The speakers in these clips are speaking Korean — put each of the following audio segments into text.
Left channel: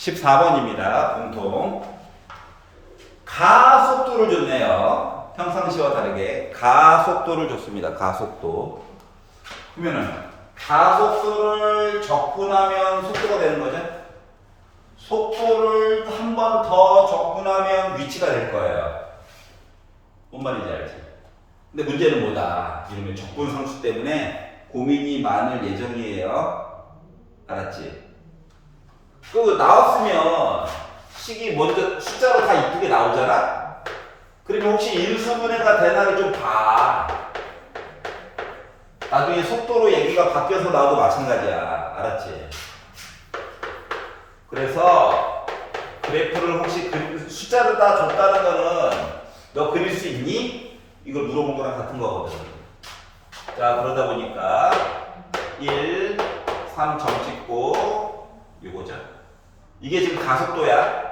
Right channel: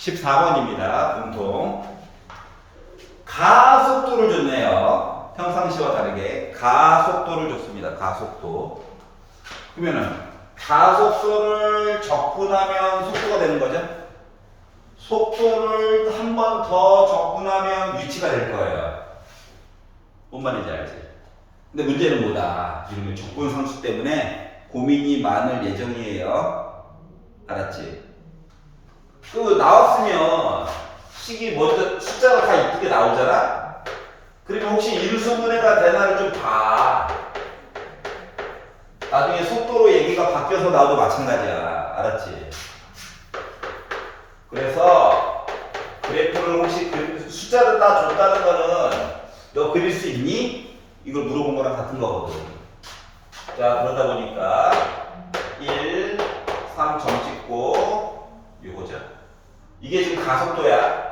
14번입니다. 공통. 가속도를 줬네요. 평상시와 다르게 가속도를 줬습니다. 가속도. 그러면은 가속도를 적분하면 속도가 되는 거죠. 속도를 한 번 더 적분하면 위치가 될 거예요. 뭔 말인지 알지? 근데 문제는 뭐다? 이러면 적분상수 때문에 고민이 많을 예정이에요. 알았지? 그 나왔으면 식이 먼저 숫자로 다 이쁘게 나오잖아? 그러면 혹시 인수분해가 되나를 좀 봐. 나중에 속도로 얘기가 바뀌어서 나와도 마찬가지야. 알았지? 그래서 그래프를 혹시 숫자로 다 줬다는 거는 너 그릴 수 있니? 이걸 물어본 거랑 같은 거거든. 자, 그러다 보니까 1, 3 점 찍고 요거죠. 이게 지금 가속도야.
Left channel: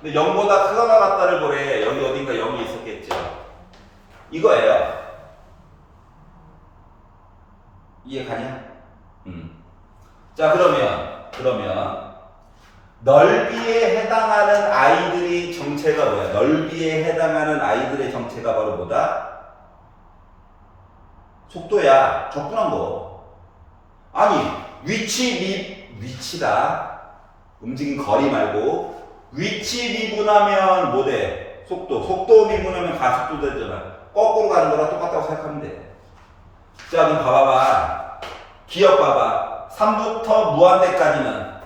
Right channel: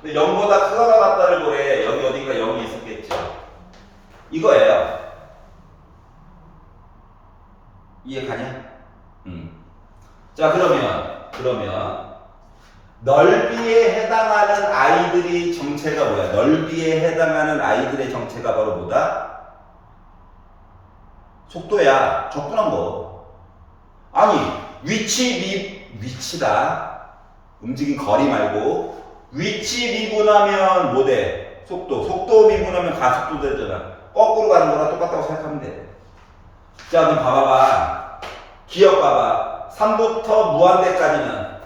근데 0보다 크거나 같다를 보래. 여기 어딘가 0이 있었겠죠. 이거예요. 이해 가냐? 자, 그러면 넓이에 해당하는 아이들이 정체가 뭐야? 넓이에 해당하는 아이들의 정체가 바로 뭐다? 속도야. 적분한 거. 아니, 위치다. 움직인 거리 말고 위치 미분하면 뭐 돼? 속도 미분하면 가속도 되잖아. 거꾸로 가는 거랑 똑같다고 생각하면 돼. 자, 그럼 봐봐. 기억 봐봐. 3부터 무한대까지는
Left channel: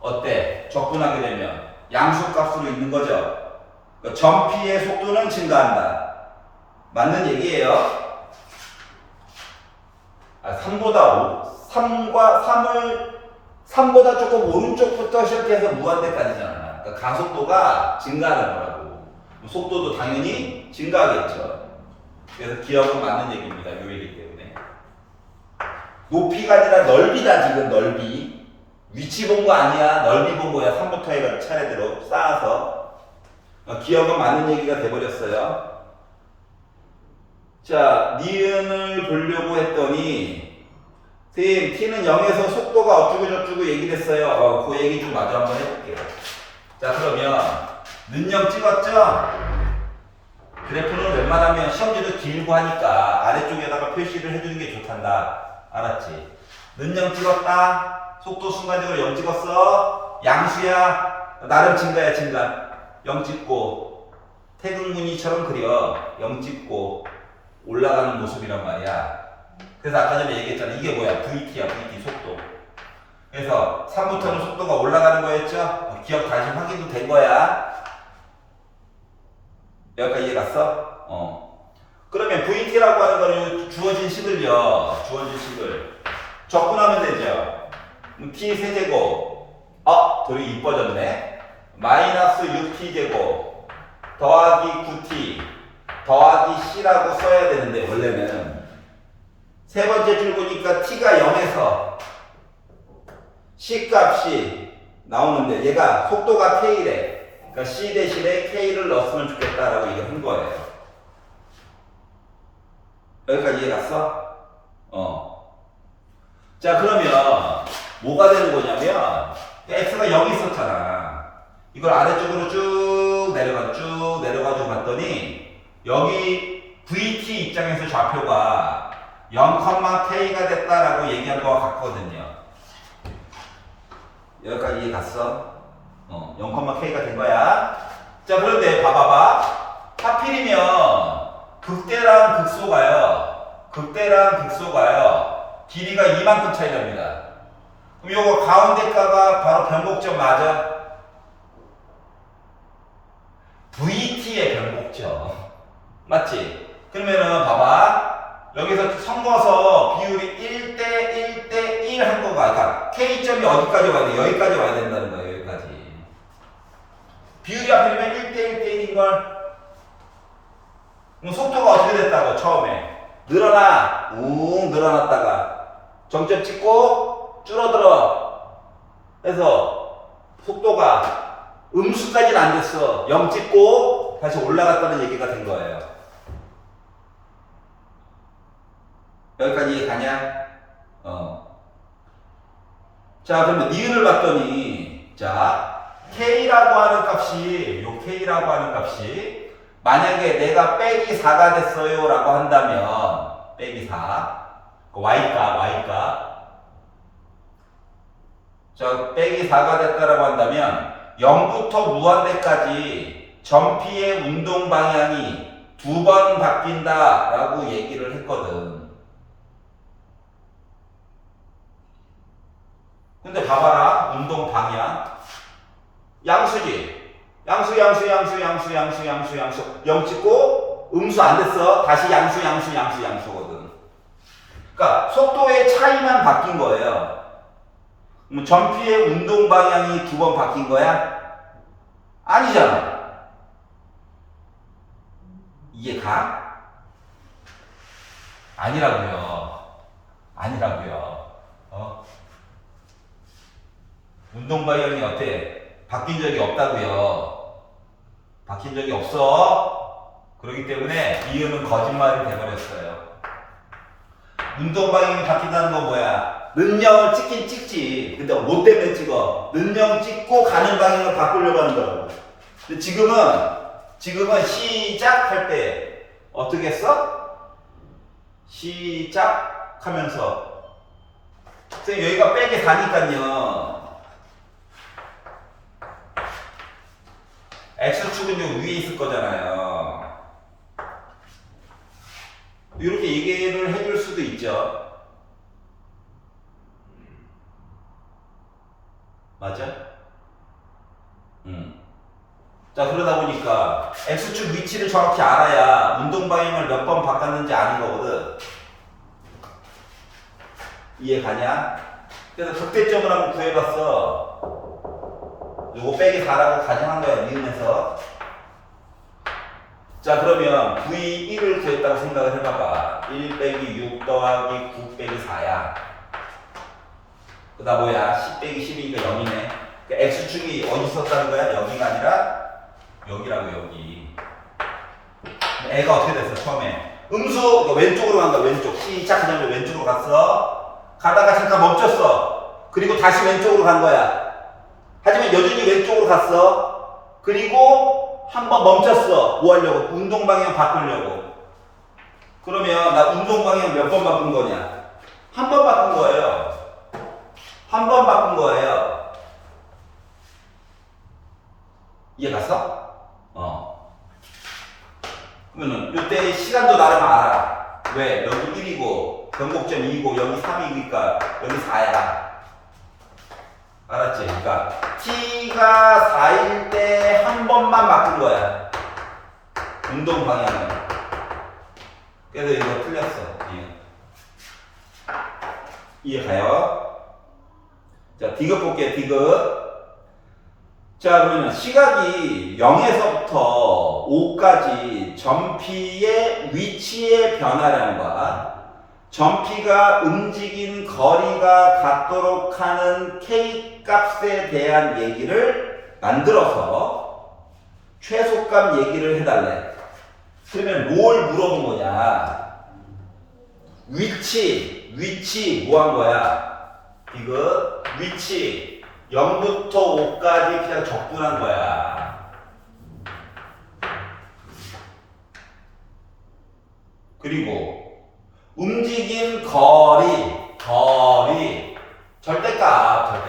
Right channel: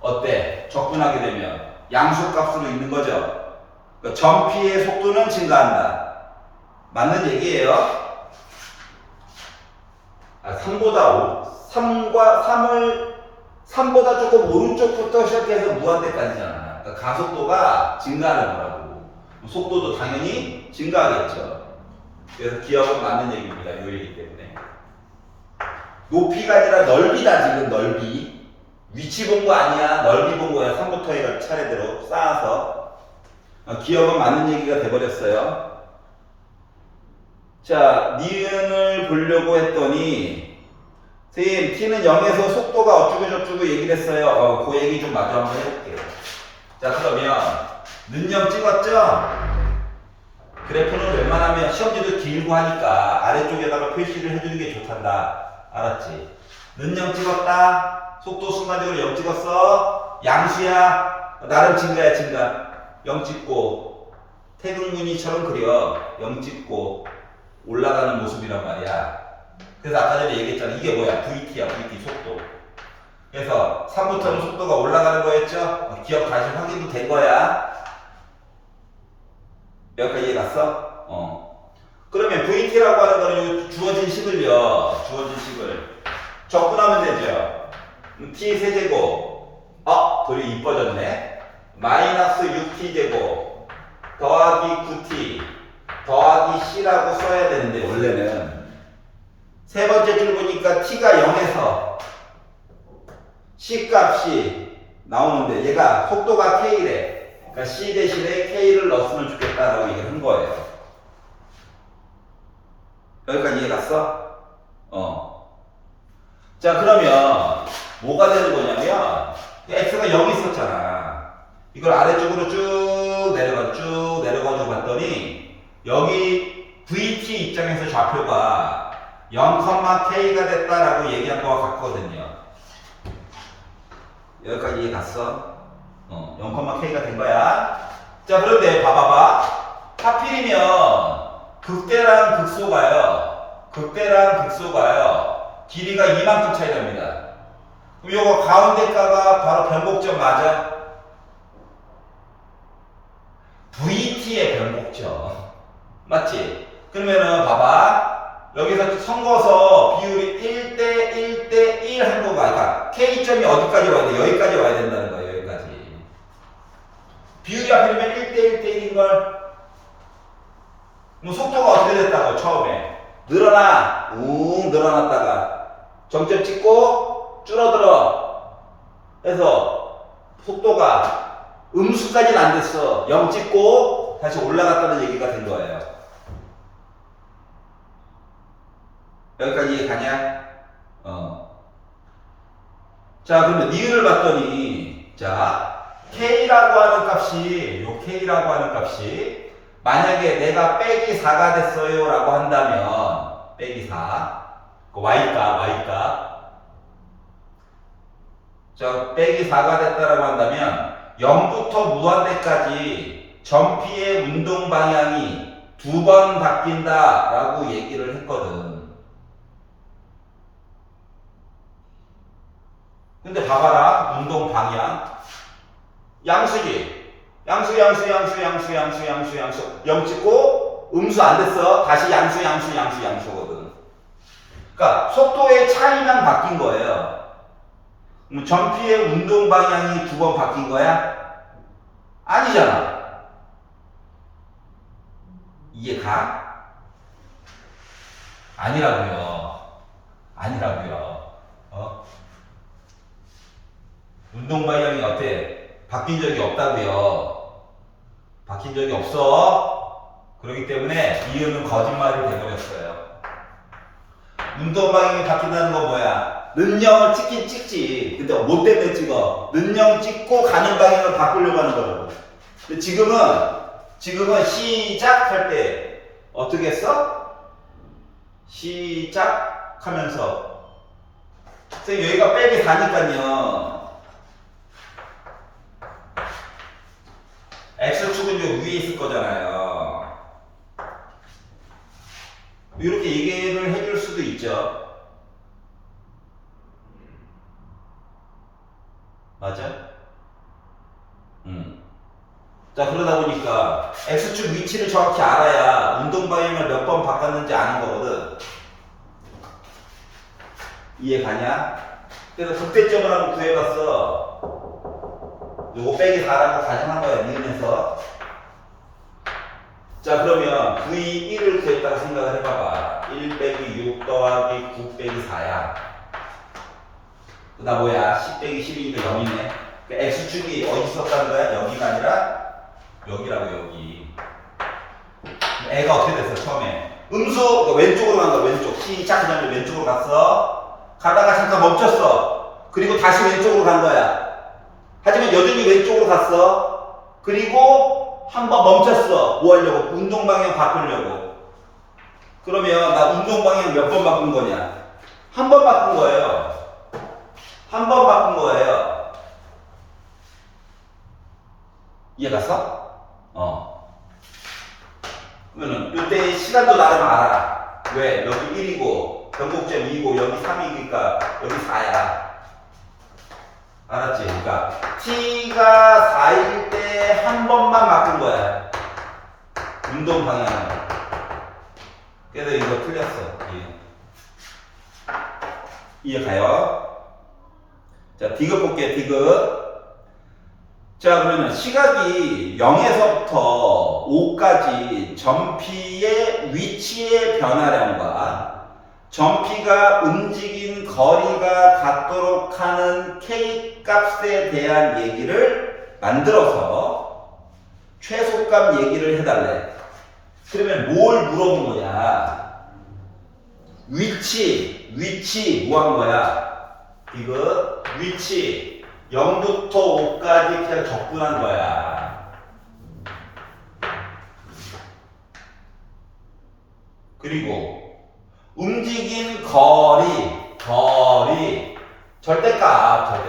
어때? 적분하게 되면 양수값으로 있는 거죠. 그러니까 점피의 속도는 증가한다. 맞는 얘기예요. 3보다 조금 오른쪽부터 시작해서 무한대까지잖아. 그러니까 가속도가 증가하는 거라고. 속도도 당연히 증가하겠죠. 그래서 기억은 맞는 얘기입니다. 요 얘기 때문에. 높이가 아니라 넓이다, 지금 넓이. 위치 본 거 아니야. 넓이 본 거야. 3부터 해가 차례대로 쌓아서. 기억은 맞는 얘기가 돼버렸어요. 자, 니은을 보려고 했더니 선생님, t는 0에서 속도가 어쩌고저쩌고 얘기를 했어요. 그 얘기 좀 마저 한번 해볼게요. 자, 그러면 는0 찍었죠? 그래프는 웬만하면 시험지도 길고 하니까 아래쪽에다가 표시를 해주는 게 좋단다. 알았지? 는0 찍었다. 속도 순간적으로 0 찍었어. 양수야. 나름 증가야, 증가. 0 찍고 태극무늬처럼 그려. 0 찍고 올라가는 모습이란 말이야. 그래서 아까 전에 얘기했잖아. 이게 뭐야? VT야, VT 속도. 그래서 3부터는 속도가 올라가는 거였죠? 기억 다시 확인도 된 거야. 여기까지 이해 갔어? 그러면 VT라고 하는 거는 주어진 식을요. 적분하면 되죠. T 세제곱. 도리 이뻐졌네. 마이너스 6T제곱. 더하기 9T. 더하기 C라고 써야 되는데, 원래는. 세 번째 줄 보니까 T가 0에서 C 값이 나오는데, 얘가 속도가 K래. 그러니까 C 대신에 K를 넣었으면 좋겠다라고 얘기를 한 거예요. 여기까지 이해 갔어? 자, 그러면 뭐가 되는 거냐면 X가 여기 있었잖아. 이걸 아래쪽으로 쭉 내려가지고 봤더니 여기 VT 입장에서 좌표가 0,K가 됐다라고 얘기한 거와 같거든요. 여기까지 이해 갔어? 0,K가 된 거야. 자, 그런데 봐봐봐. 하필이면 극대랑 극소가요. 길이가 이만큼 차이 납니다. 그럼 요거 가운데 가가 바로 변곡점 맞아? VT의 변곡점. 맞지? 그러면은 봐봐. 여기서 섞어서 비율이 1대1대1 한 거가, 그러니까 K점이 어디까지 와야 돼? 여기까지 와야 된다는 거예요. 여기까지. 비율이 하필이면 1대1대1인걸? 그럼 속도가 어떻게 됐다고, 처음에? 늘어났다가 정점 찍고 줄어들어. 해서 속도가 음수까지는 안 됐어. 0 찍고 다시 올라갔다는 얘기가 된 거예요. 여기까지 이해 가냐? 자, 그러면 니은을 봤더니, 자, K라고 하는 값이, 요 K라고 하는 값이, 만약에 내가 빼기 4가 됐어요 라고 한다면, 빼기 4, 그 Y값. 자, 빼기 4가 됐다라고 한다면, 0부터 무한대까지 전피의 운동 방향이 2번 바뀐다 라고 얘기를 했거든. 근데 봐봐라. 운동 방향. 양수지. 양수. 0 찍고 음수 안 됐어. 다시 양수거든. 그러니까 속도의 차이만 바뀐 거예요. 전피의 운동 방향이 2번 바뀐 거야? 아니잖아. 이해가? 아니라고요. 어? 운동 방향이 어때? 바뀐 적이 없다고요. 바뀐 적이 없어. 그렇기 때문에 이유는 거짓말이 돼버렸어요. 운동 방향이 바뀐다는 건 뭐야? 는영을 찍긴 찍지. 근데 뭐 때문에 찍어? 는영 찍고 가는 방향을 바꾸려고 하는 거라고. 근데 지금은 시작할 때 어떻게 했어? 시작하면서 선생님 여기가 빼기 4니까요. X축은 요 위에 있을 거잖아요. 이렇게 얘기를 해줄 수도 있죠. 맞아? 자, 그러다 보니까 X축 위치를 정확히 알아야 운동 방향을 몇 번 바꿨는지 아는 거거든. 이해 가냐? 그래서 극대점을 한번 구해봤어. 요거 빼기 4라고 가정한 거야, 니은에서. 자, 그러면 V 1을 구했다고 생각을 해봐봐. 1 빼기 6 더하기 9 빼기 4야. 그다 뭐야? 10 빼기 10이니까 0이네. 그 X축이 어디 있었다는 거야? 여기가 아니라 여기라고, 여기. 애가 어떻게 됐어, 처음에? 음수, 왼쪽으로 간 거야, 왼쪽. 시작, 그 다음에 왼쪽으로 갔어. 가다가 잠깐 멈췄어. 그리고 다시 왼쪽으로 간 거야. 하지만 여전히 왼쪽으로 갔어. 그리고 한번 멈췄어. 뭐 하려고? 운동 방향 바꾸려고. 그러면 나 운동 방향 몇 번 바꾼 거냐? 한 번 바꾼 거예요. 한 번 바꾼 거예요. 이해 갔어? 그러면은 이때 시간도 나름 알아. 왜? 여기 1이고 변곡점 2고 여기 3이니까 여기 4야. 알았지? 그러니까 T가 4일 때 한 번만 바꾼 거야. 운동 방향을. 그래서 이거 틀렸어. 이해 가요? 자, 디귿 볼게요. 디귿. 자, 그러면 시각이 0에서부터 5까지 전피의 위치의 변화량과 전피가 움직인 거리가 같도록 하는 K 값에 대한 얘기를 만들어서 최소값 얘기를 해달래. 그러면 뭘 물어본 거냐? 위치 뭐 한 거야? 이거 위치 0부터 5까지 그냥 접근한 거야. 그리고 움직인 거리 절대값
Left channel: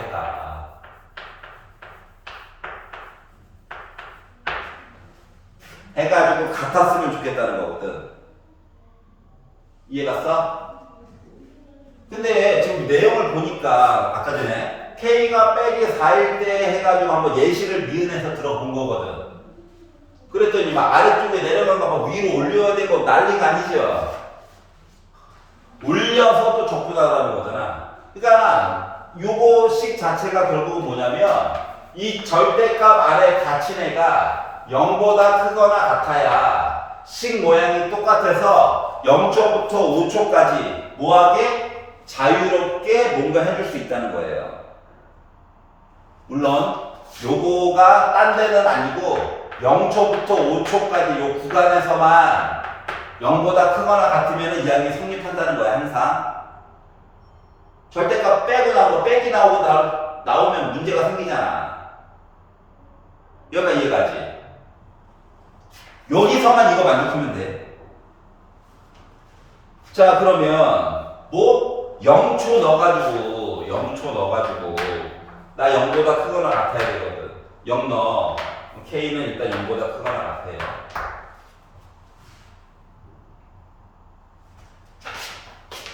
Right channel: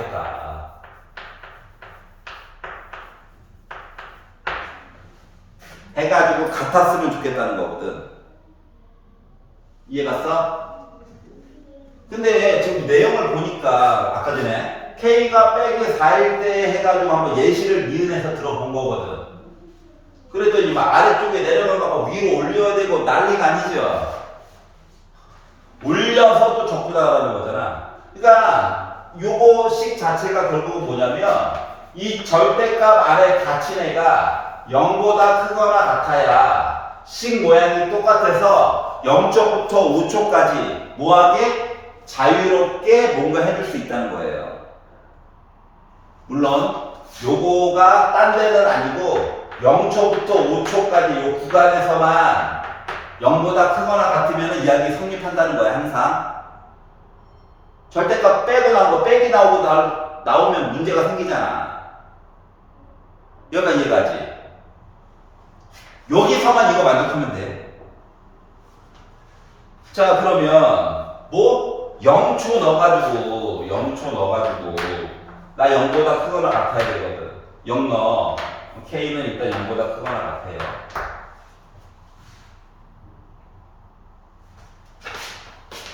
해가지고 같았으면 좋겠다는 거거든. 이해갔어? 근데 지금 내용을 보니까 아까 전에 K가 빼기 4일 때 해가지고 한번 예시를 니은해서 들어본 거거든. 그랬더니 막 아래쪽에 내려가면 막 위로 올려야 되고 난리가 아니죠. 올려서 또 접근하라는 거잖아. 그러니까 요거식 자체가 결국은 뭐냐면 이 절대값 안에 갇힌 애가 0보다 크거나 같아야 식 모양이 똑같아서 0초부터 5초까지 뭐하게 자유롭게 뭔가 해줄 수 있다는 거예요. 물론 요거가 딴 데는 아니고 0초부터 5초까지 요 구간에서만 0보다 크거나 같으면 이야기 성립한다는 거야, 항상. 절대값 빼고 나오고 빼기 나오고 나오면 문제가 생기잖아. 여기가 이해가지? 여기서만 이거 만족하면 돼. 자, 그러면 뭐 0초 넣어가지고 나 0보다 크거나 같아야 되거든. 0 넣어. K는 일단 0보다 크거나 같아요.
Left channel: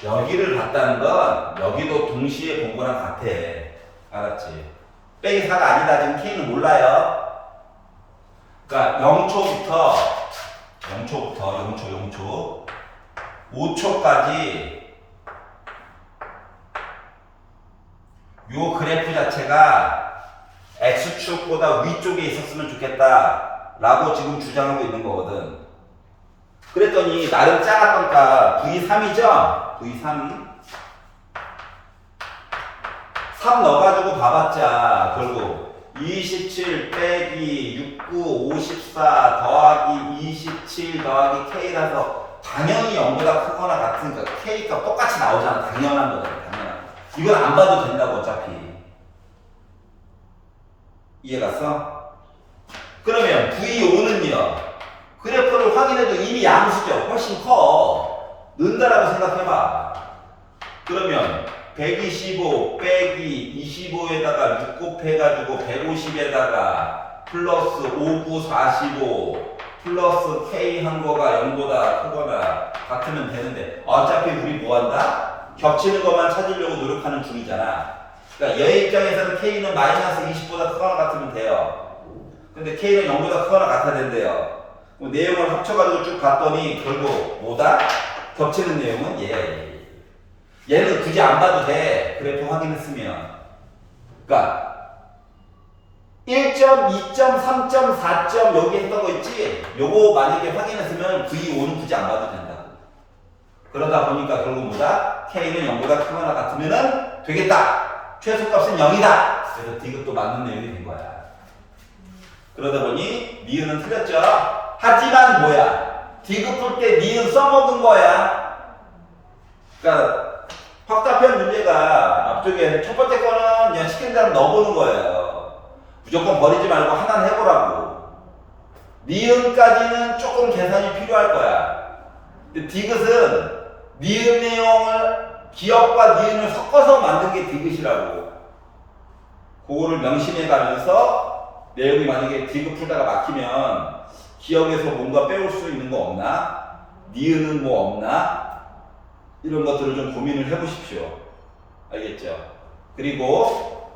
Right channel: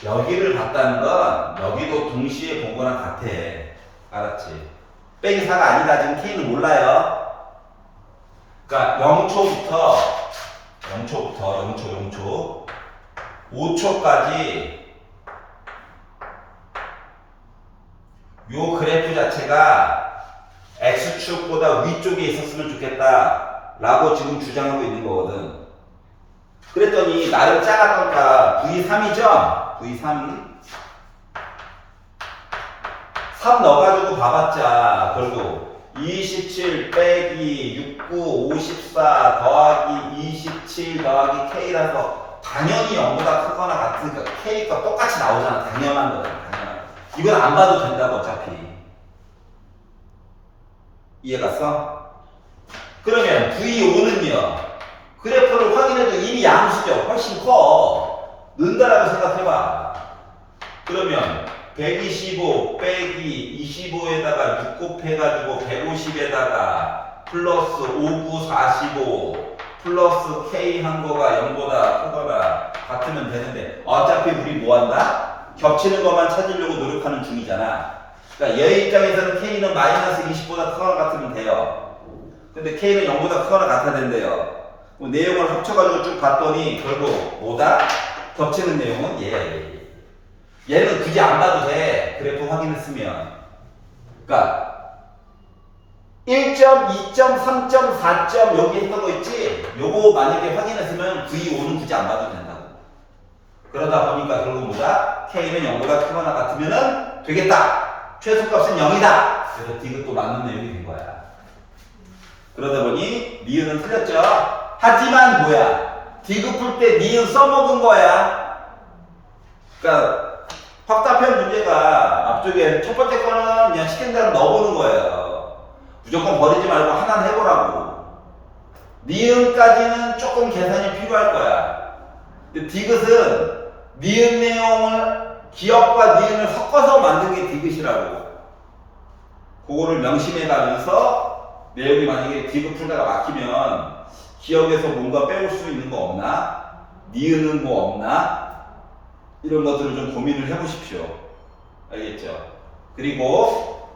여기를 봤다는 건 여기도 동시에 본 거랑 같아. 알았지? 빼기 4가 아니다. 지금 K는 몰라요. 그러니까 0초부터 5초까지 요 그래프 자체가 X축보다 위쪽에 있었으면 좋겠다 라고 지금 주장하고 있는 거거든. 그랬더니 나름 작았던 값 V3이죠? V3 3 넣어가지고 봐봤자 결국 27 빼기 69 54 더하기 27 더하기 K라서 당연히 0보다 크거나 같으니까 K가 똑같이 나오잖아. 당연한 거잖아. 당연한 거. 이건 안 봐도 된다고 어차피. 이해갔어? 그러면 V5는요. 그래프를 확인해도 이미 양수죠. 훨씬 커. 는다라고 생각해봐. 그러면 125 빼기 25에다가 6 곱해가지고 150에다가 플러스 59 45 플러스 K 한 거가 0보다 크거나 같으면 되는데 어차피 우리 뭐 한다? 겹치는 것만 찾으려고 노력하는 중이잖아. 그러니까 얘 입장에서는 K는 마이너스 20보다 크거나 같으면 돼요. 근데 K는 0보다 크거나 같아야 된대요. 내용을 합쳐가지고 쭉 봤더니 결국 뭐다? 겹치는 내용은 얘는 굳이 안 봐도 돼. 그래프 확인했으면. 그러니까 1점, 2점, 3점, 4점 여기 했던 거 있지? 요거 만약에 확인했으면 V5는 굳이 안 봐도 된다고. 그러다 보니까 결국 뭐다? K는 0보다 크거나 같으면은 되겠다. 최소값은 0이다. 그래서 D급도 맞는 내용이 된 거야. 그러다 보니 니은은 틀렸죠? 하지만 뭐야? D급 풀 때 니은 써먹은 거야. 그러니까 확답형 문제가 앞쪽에 첫 번째 거는 그냥 시킨 대로 넣어보는 거예요. 무조건 버리지 말고 하나는 해보라고. 니은까지는 조금 계산이 필요할 거야. 근데 디귿은 니은 내용을 기억과 니은을 섞어서 만든 게 디귿이라고. 그거를 명심해 가면서 내용이 만약에 디귿 풀다가 막히면 기억에서 뭔가 빼올 수 있는 거 없나? 니은은 뭐 없나? 이런 것들을 좀 고민을 해보십시오. 알겠죠? 그리고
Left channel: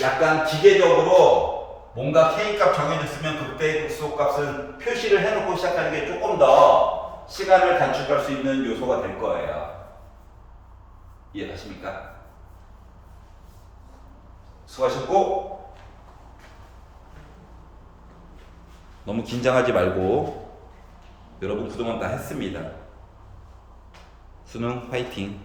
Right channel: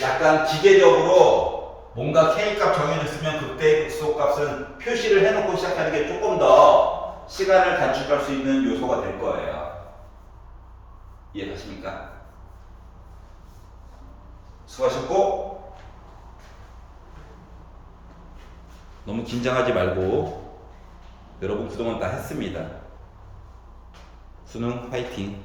약간 기계적으로 뭔가 K값 정해졌으면 그때 극소값을 표시를 해놓고 시작하는 게 조금 더 시간을 단축할 수 있는 요소가 될 거예요. 이해가십니까? 수고하셨고, 너무 긴장하지 말고 여러분 그동안 다 했습니다. 수능 화이팅!